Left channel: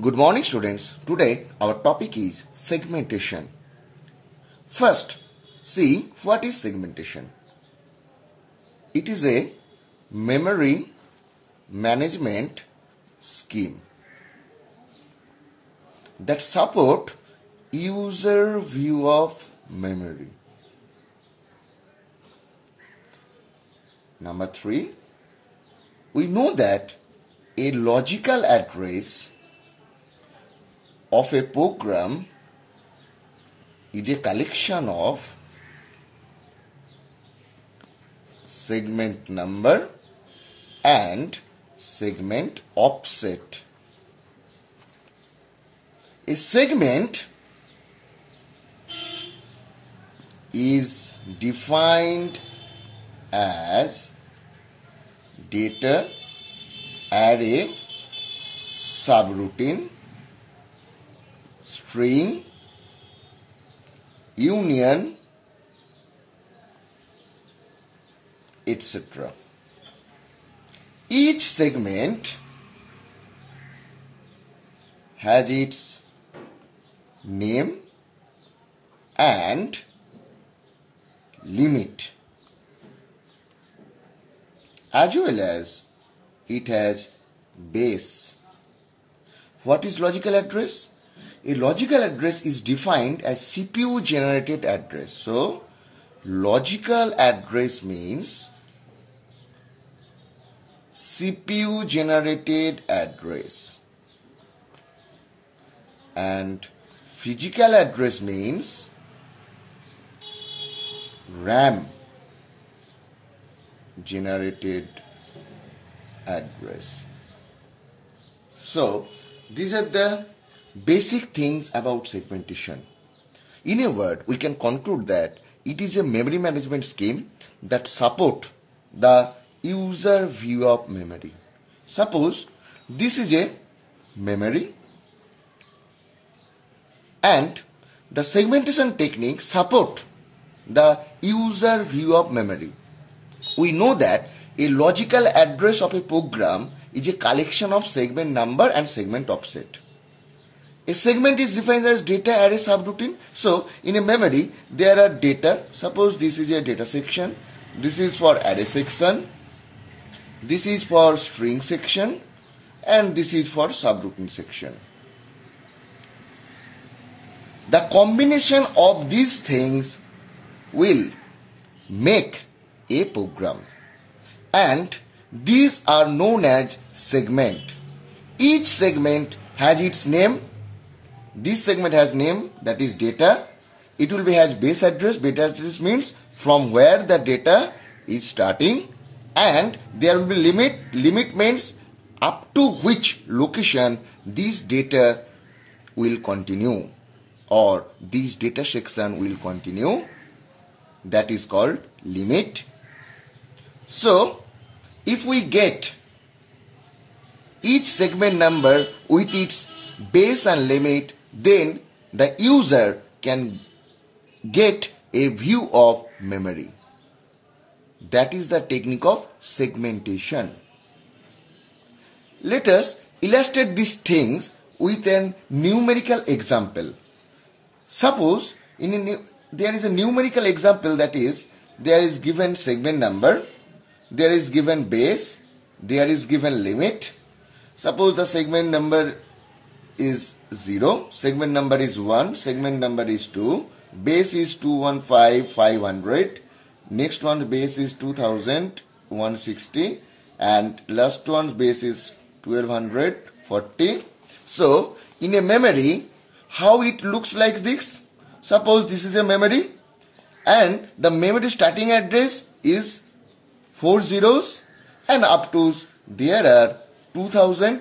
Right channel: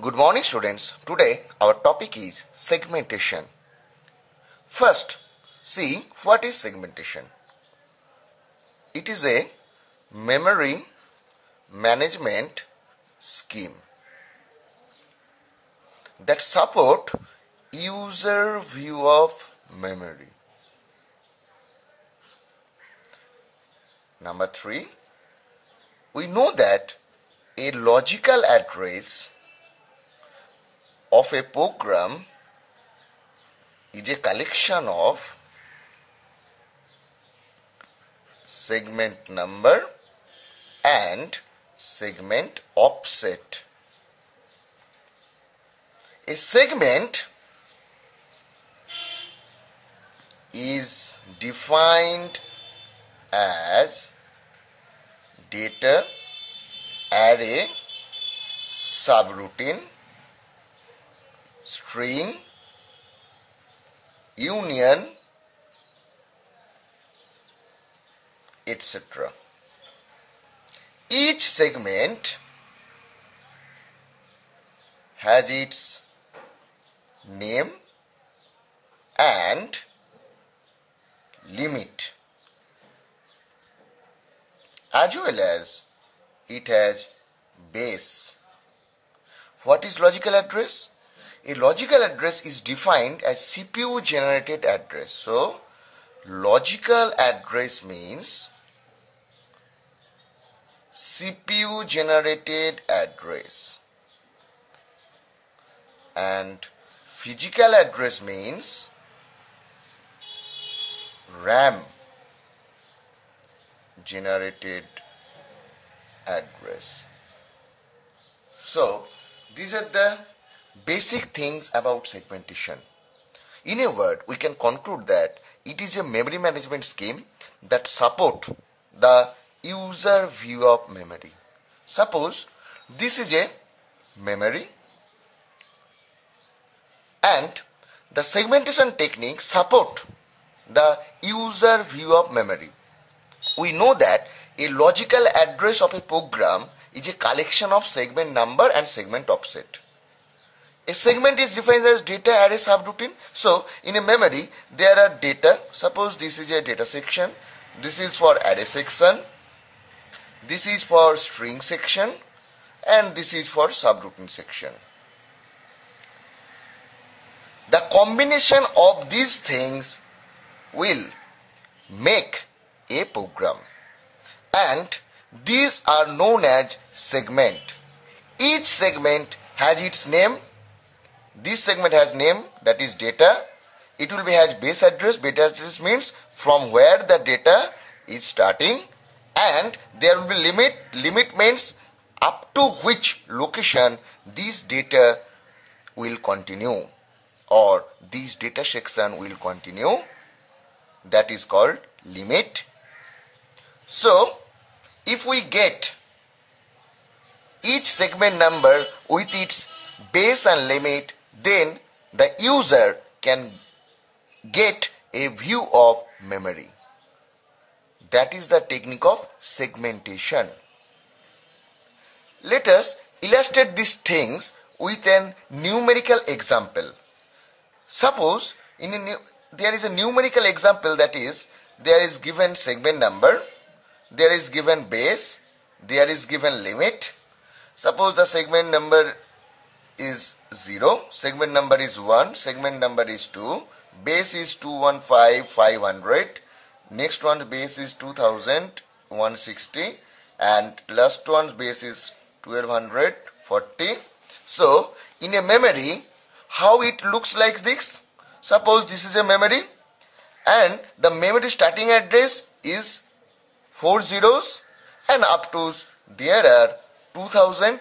Good morning, students. Today our topic is segmentation. First, see what is segmentation. It is a memory management scheme that support user view of memory. Number 3, we know that a logical address of a program is a collection of segment number and segment offset. A segment is defined as data array subroutine string union etc. Each segment has its name and limit, as well as it has base. What is logical address? A logical address is defined as CPU generated address. So, logical address means CPU generated address, and physical address means RAM generated address. So, these are the basic things about segmentation. In a word, we can conclude that it is a memory management scheme that support the user view of memory. Suppose this is a memory and the segmentation technique support the user view of memory. We know that a logical address of a program is a collection of segment number and segment offset. A segment is defined as data array subroutine. So, in a memory, there are data. Suppose this is a data section. This is for array section. This is for string section. And this is for subroutine section. The combination of these things will make a program. And these are known as segment. Each segment has its name. This segment has name, that is data. It will be has base address. Base address means from where the data is starting, and there will be limit. Limit means up to which location this data will continue, or this data section will continue. That is called limit. So, if we get each segment number with its base and limit, then the user can get a view of memory. That is the technique of segmentation. Let us illustrate these things with a numerical example. Suppose there is a numerical example, that is, there is given segment number, there is given base, there is given limit. Suppose the segment number is 0, segment number is 1, segment number is 2, base is 215,500, next one base is 2,160, and last one's base is 1,240. So, in a memory, how it looks like this? Suppose this is a memory, and the memory starting address is 4 zeros, and up to there are 2,000,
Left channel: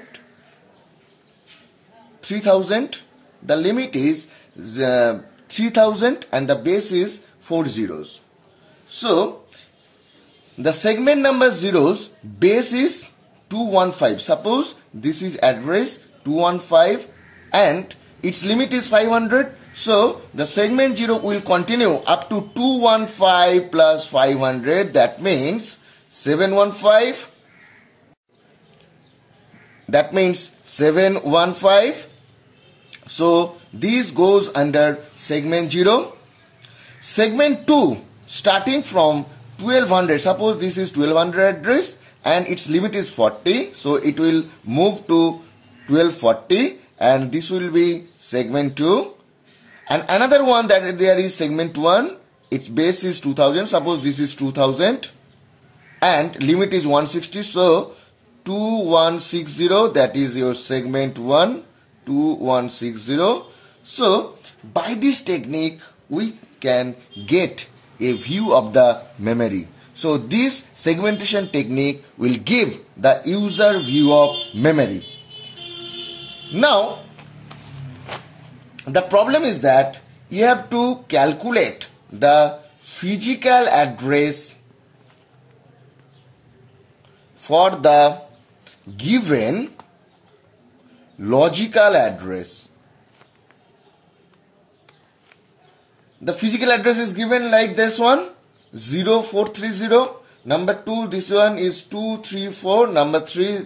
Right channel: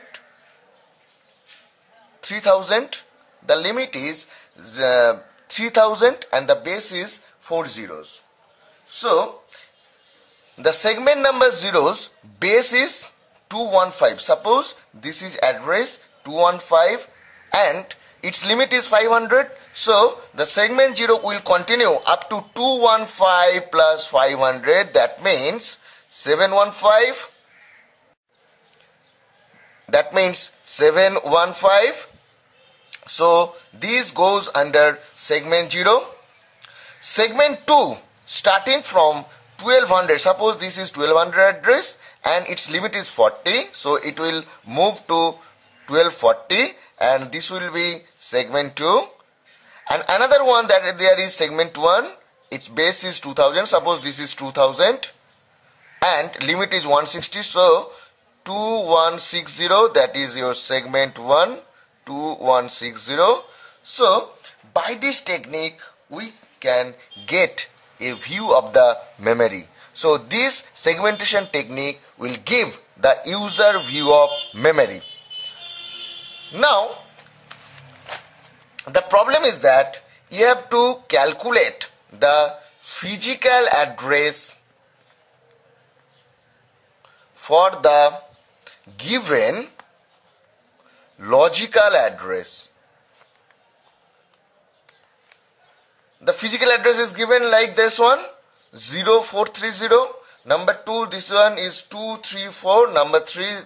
3,000, the limit is 3,000 and the base is 4 zeros. So, the segment number zeros, base is 215. Suppose this is address 215 and its limit is 500. So, the segment 0 will continue up to 215 plus 500. That means 715. that means 715. So this goes under segment 0. Segment 2 starting from 1200. Suppose this is 1200 address and its limit is 40. So it will move to 1240 and this will be segment 2. And another one that there is segment 1. Its base is 2000. Suppose this is 2000 and limit is 160. So 2160, that is your segment 1, 2160. So by this technique we can get a view of the memory. So this segmentation technique will give the user view of memory. Now the problem is that you have to calculate the physical address for the given logical address. The physical address is given like this one, 0430. Number 2, this one is 234. Number 3,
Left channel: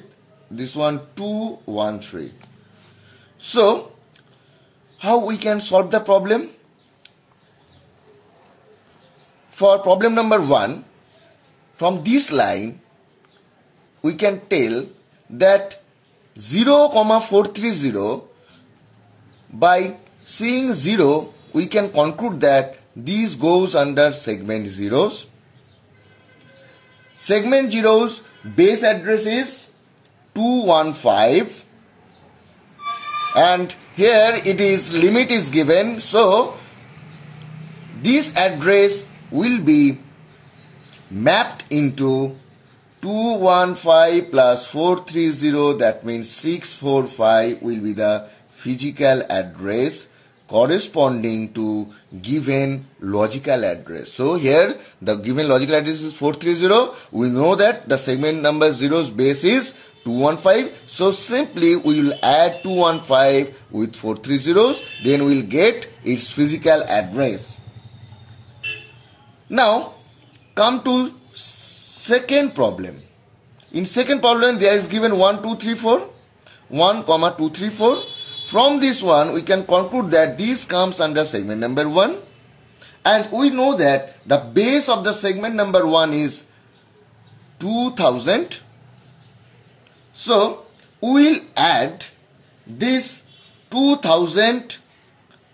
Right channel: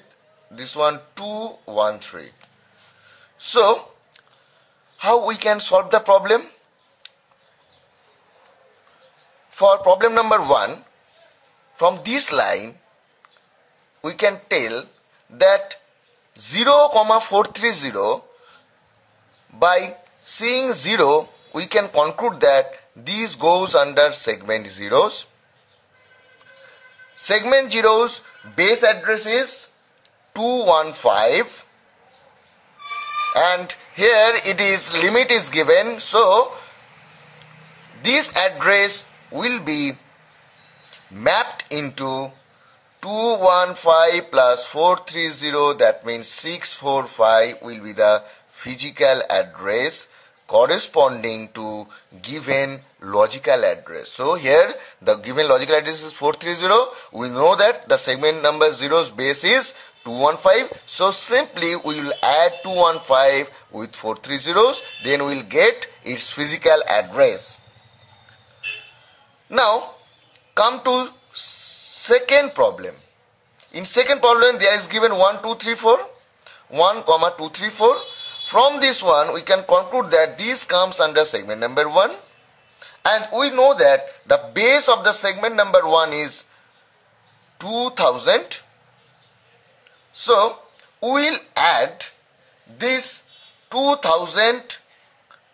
this one 213. So how we can solve the problem? For problem number 1, from this line we can tell that 0,430, by seeing 0 we can conclude that this goes under segment 0's. Segment 0's base address is 215 and here it is limit is given, so this address will be mapped into 215 plus 430, that means 645 will be the physical address corresponding to given logical address. So here the given logical address is 430. We know that the segment number 0's base is 215. So simply we will add 215 with 430's, then we will get its physical address. Now come to second problem. In second problem there is given 1, 2, 3, 4. 1, 2, 3, 4. From this one we can conclude that this comes under segment number 1. And we know that the base of the segment number 1 is 2000. So we will add this 2000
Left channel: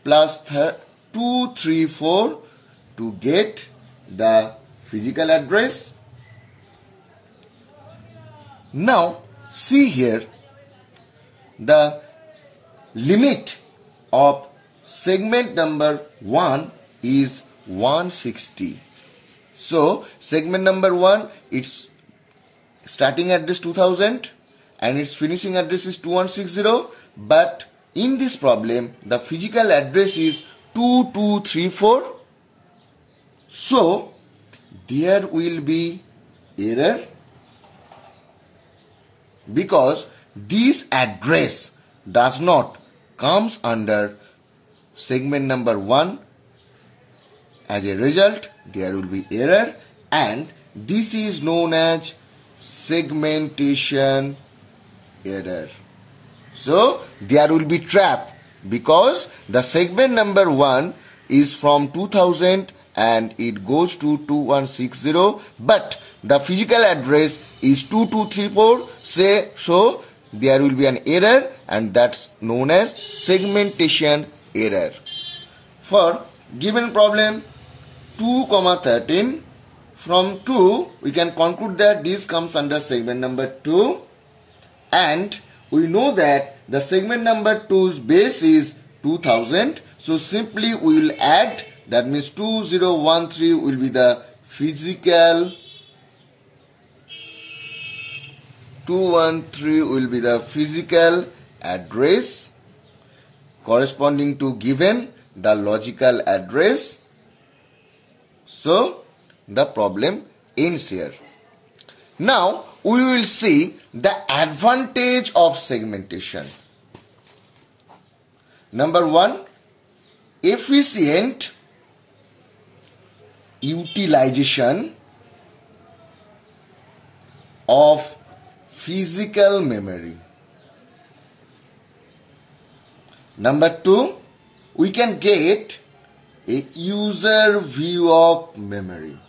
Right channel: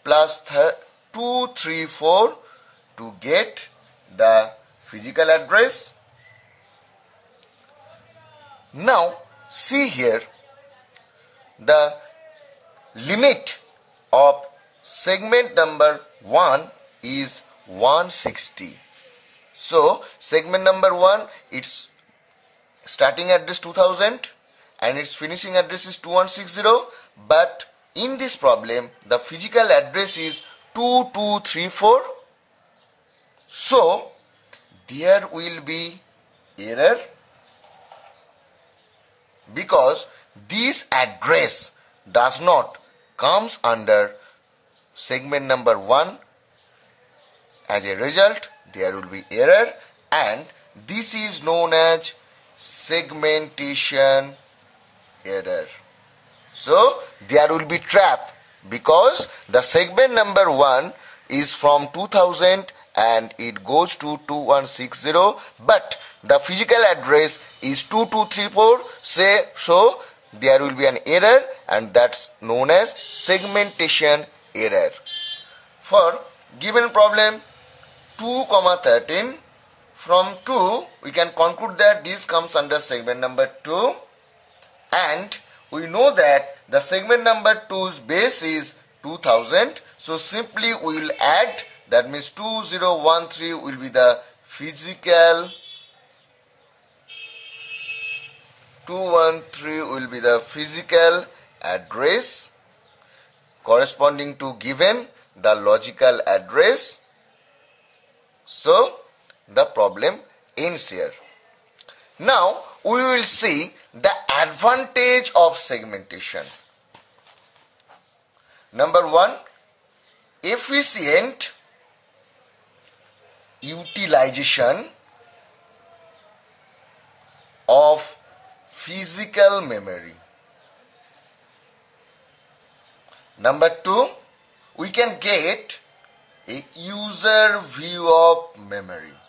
plus 234 to get the physical address. Now see here, the limit of segment number 1 is 160. So segment number 1, its starting address 2000 and its finishing address is 2160, but in this problem the physical address is 2234. So there will be error because this address does not comes under segment number 1. As a result, there will be error, and this is known as segmentation error. So there will be trap because the segment number 1 is from 2000 and it goes to 2160, but the physical address is 2234. So there will be an error, and that's known as segmentation error. For given problem 2,13, from 2 we can conclude that this comes under segment number 2, and we know that the segment number 2's base is 2000. So simply we will add, that means 2013 will be the physical, 213 will be the physical address corresponding to given the logical address. So the problem ends here. Now we will see the advantage of segmentation. Number 1, efficient utilization of physical memory. Number 2, we can get a user view of memory.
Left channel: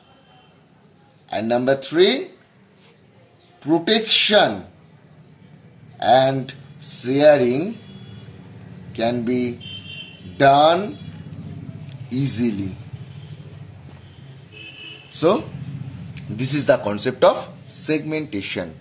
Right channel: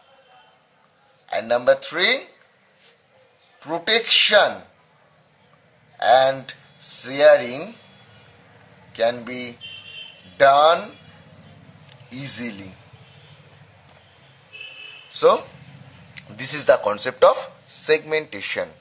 And number 3, protection and sharing can be done easily. So, this is the concept of segmentation.